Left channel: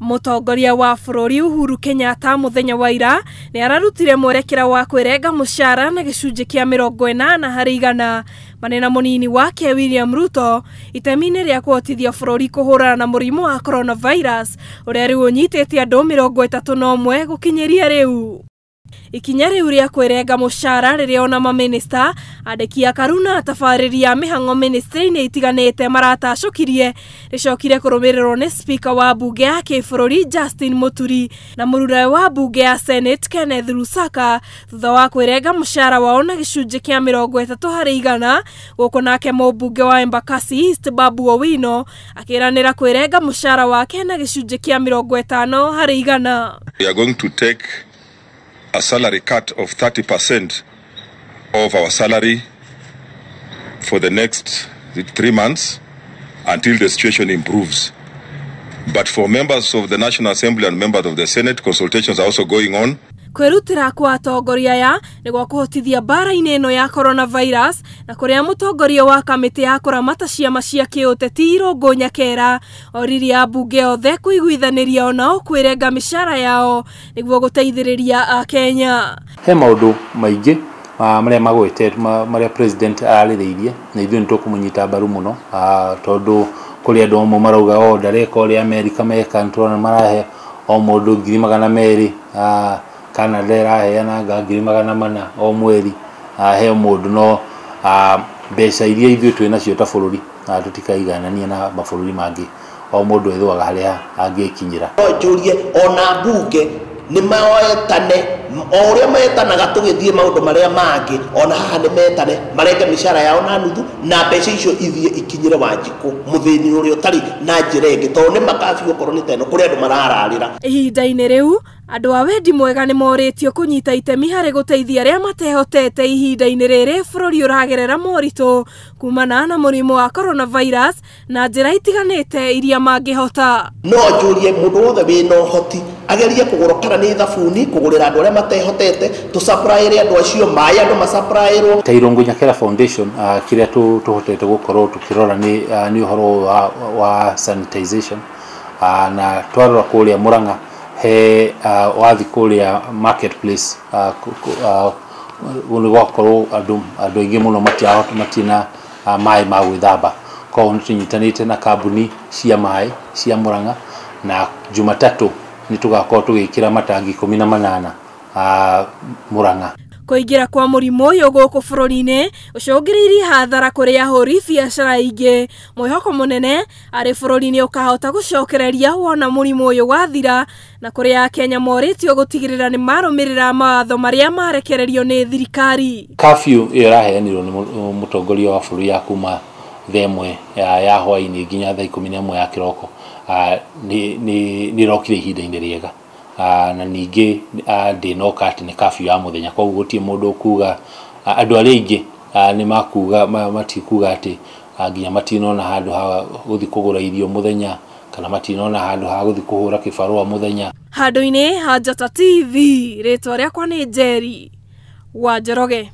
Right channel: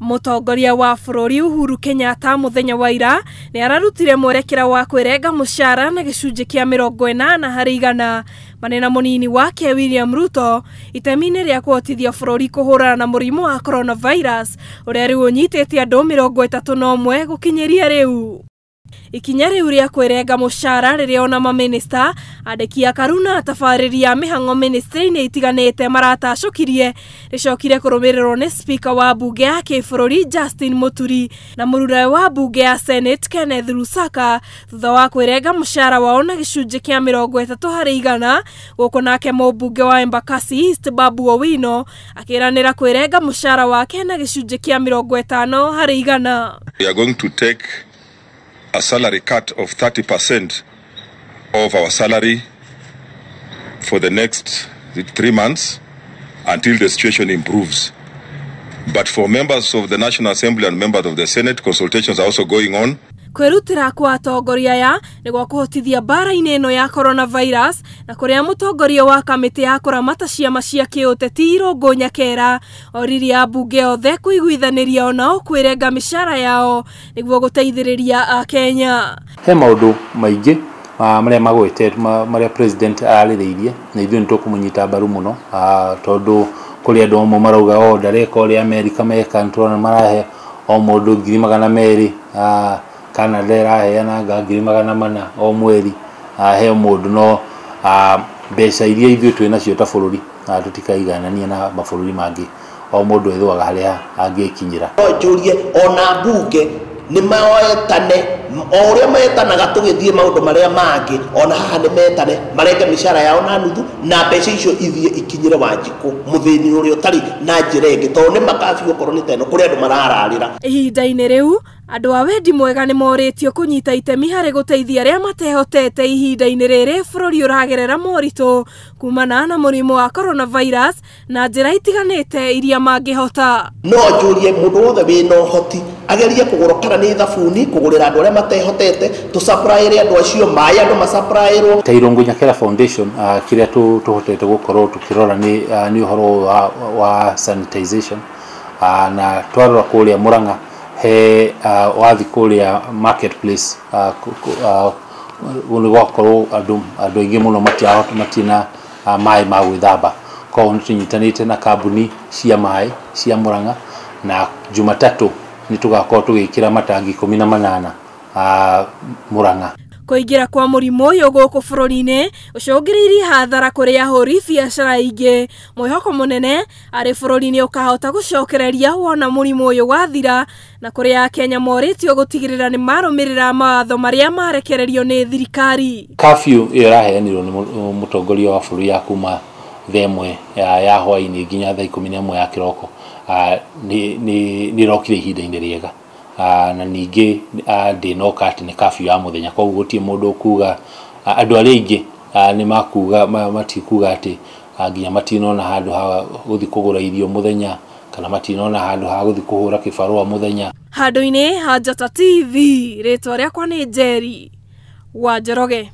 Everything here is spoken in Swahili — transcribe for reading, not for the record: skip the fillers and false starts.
Mũtongoria wa bũrũri Uhuru Kenyatta muthenya wa ira ni ararutire mwerekera wa kwirenga mushara na gicunjĩ kĩa 80% manena munini wake William Ruto itemi-inĩ rĩa kuhotithia bũrũri kũhũrana na mũrimũ wa coronavirus ũrĩa rĩu ũnyitĩte andũ 31 gũkinyeria rĩu. Ikinya riu ria kwirenga mushara riria ona maminista andiki a Karuna tabarĩria mĩhang'o ministry-inĩ itiganĩte maratacokirie ricokire kũrũmĩrĩrwo nĩ speaker wa bunge ya kĩbũrũri Justin Muturi na mũrũre wa bunge ya Senate Kenneth Lusaka thutha wa kwirenga mushara wao na gĩcunjĩ kĩa 30% gũkũ nake mũbunge wa Embakasi East Babu Owino akĩranĩra kwirenga mushara wake na gĩcunjĩ kĩa 50%. We are going to take a salary cut of 30% of our salary for the next 3 months until the situation improves. But for members of the National Assembly and members of the Senate, consultations are also going on. Kwirutira kwa atongoria aya niguo kuhotithia bara-inĩ ĩno ya coronavirus na kuria mutongoria wa kamĩtĩ ya kuramata ciama cia kĩũteti Irũngũ Nyakera oririe ambunge othe kuiguithanĩria onao kwirenga mĩcara yao niguo guteithĩrĩria Akenya. Maũndũ maingĩ marĩa magwĩte marĩa president arĩrĩirie nĩ kũmũnyita mbaru mũno tondũ kũrĩ andũ amwe marauga ndareka ũrĩa Amerika mebangwo na marahe o mũndũ 200,000 kana thera yana ngiri 400 o mweri he mũndũ no mbeca iria ingĩ twĩnacio ta bũrũri tũtikaiganania na mabũrũri mangĩ o mũndũ ũrĩa arĩa angĩkinyĩra. Ona bunge nĩ maroekane o mekanaga kũgĩthiĩ maũndũ marĩa mangĩ ona mahamwe mekane mareka mĩcara yao na nuthu na mbeca icio ikinyĩre Wanjikũ mũthĩni ũrĩa ũtarĩ na njĩra ĩngĩ tondũ makasiĩ bũrũri teno kũrĩ andũ marararĩra. Ihinda-inĩ rĩu andũ a wendi mwega nĩ morĩtio kũnyita itemi harĩ gũteithia arĩa matehotete ihinda-inĩ rĩrĩ bũrũri ũragerera moritũ kumana na mũrimũ wa coronavirus na njĩra itiganĩte iria mangĩhota. Ageria kũgũra kana nĩ thabuni kũgũrĩra andũ arĩa matehotete tũsapraĩre andũ acio maĩ andũ masapraĩrwo. Irũngũ Nyakera Foundation kĩrĩa tũhotete gũkorwo tũkĩrora nĩ ũhoro wa sanitization na twarora kũrĩa Mũrang'a wathi kũrĩa marketplace gũgakorwo andũ aingĩ mũno matina maĩ ma gwĩthamba koguo nĩtũnyitanĩte na kambuni cia maĩ cia Mũrang'a na Jumatatũ nitugakorwo tugĩkĩra matangi 18 Mũrang'a. Kũingĩra kwa mũrimũ ũyũ gũkũ bũrũri-inĩ ũcũngĩrĩirie hathara kũrĩ ahũri biacara aingĩ. Mwĩhoko mũnene arĩ bũrũri-inĩ ũkahota gũcokereria wona mũrimũ ũyũ wathira na kũrĩ Akenya morĩtio gũtigĩrĩra nĩ marũmĩrĩra mawatho marĩa marekererio nĩ thirikari. Kabiũ ĩyo yaheanirwo nĩ mũtongoria wa bũrũri ya kuma ya hwaĩ-inĩ nginya thaa 11 ya kĩroko nĩrokire ihinda-inĩ rĩega na ningĩ ndĩnoka atĩ nĩ kabiũ ya mũthenya koguo gũtirĩ mũndũ ũkuga andũ arĩa aingĩ nĩ makuga matikuga atĩ nginya matinona handũ ha gũthiĩ kũgũra irio mũthenya kana matinona handũ ha gũthiĩ kũhũra kĩbarũa mũthenya. Handũ-inĩ ha Njata TV rĩtwa rĩakwa nĩ Njeri wa Njoroge.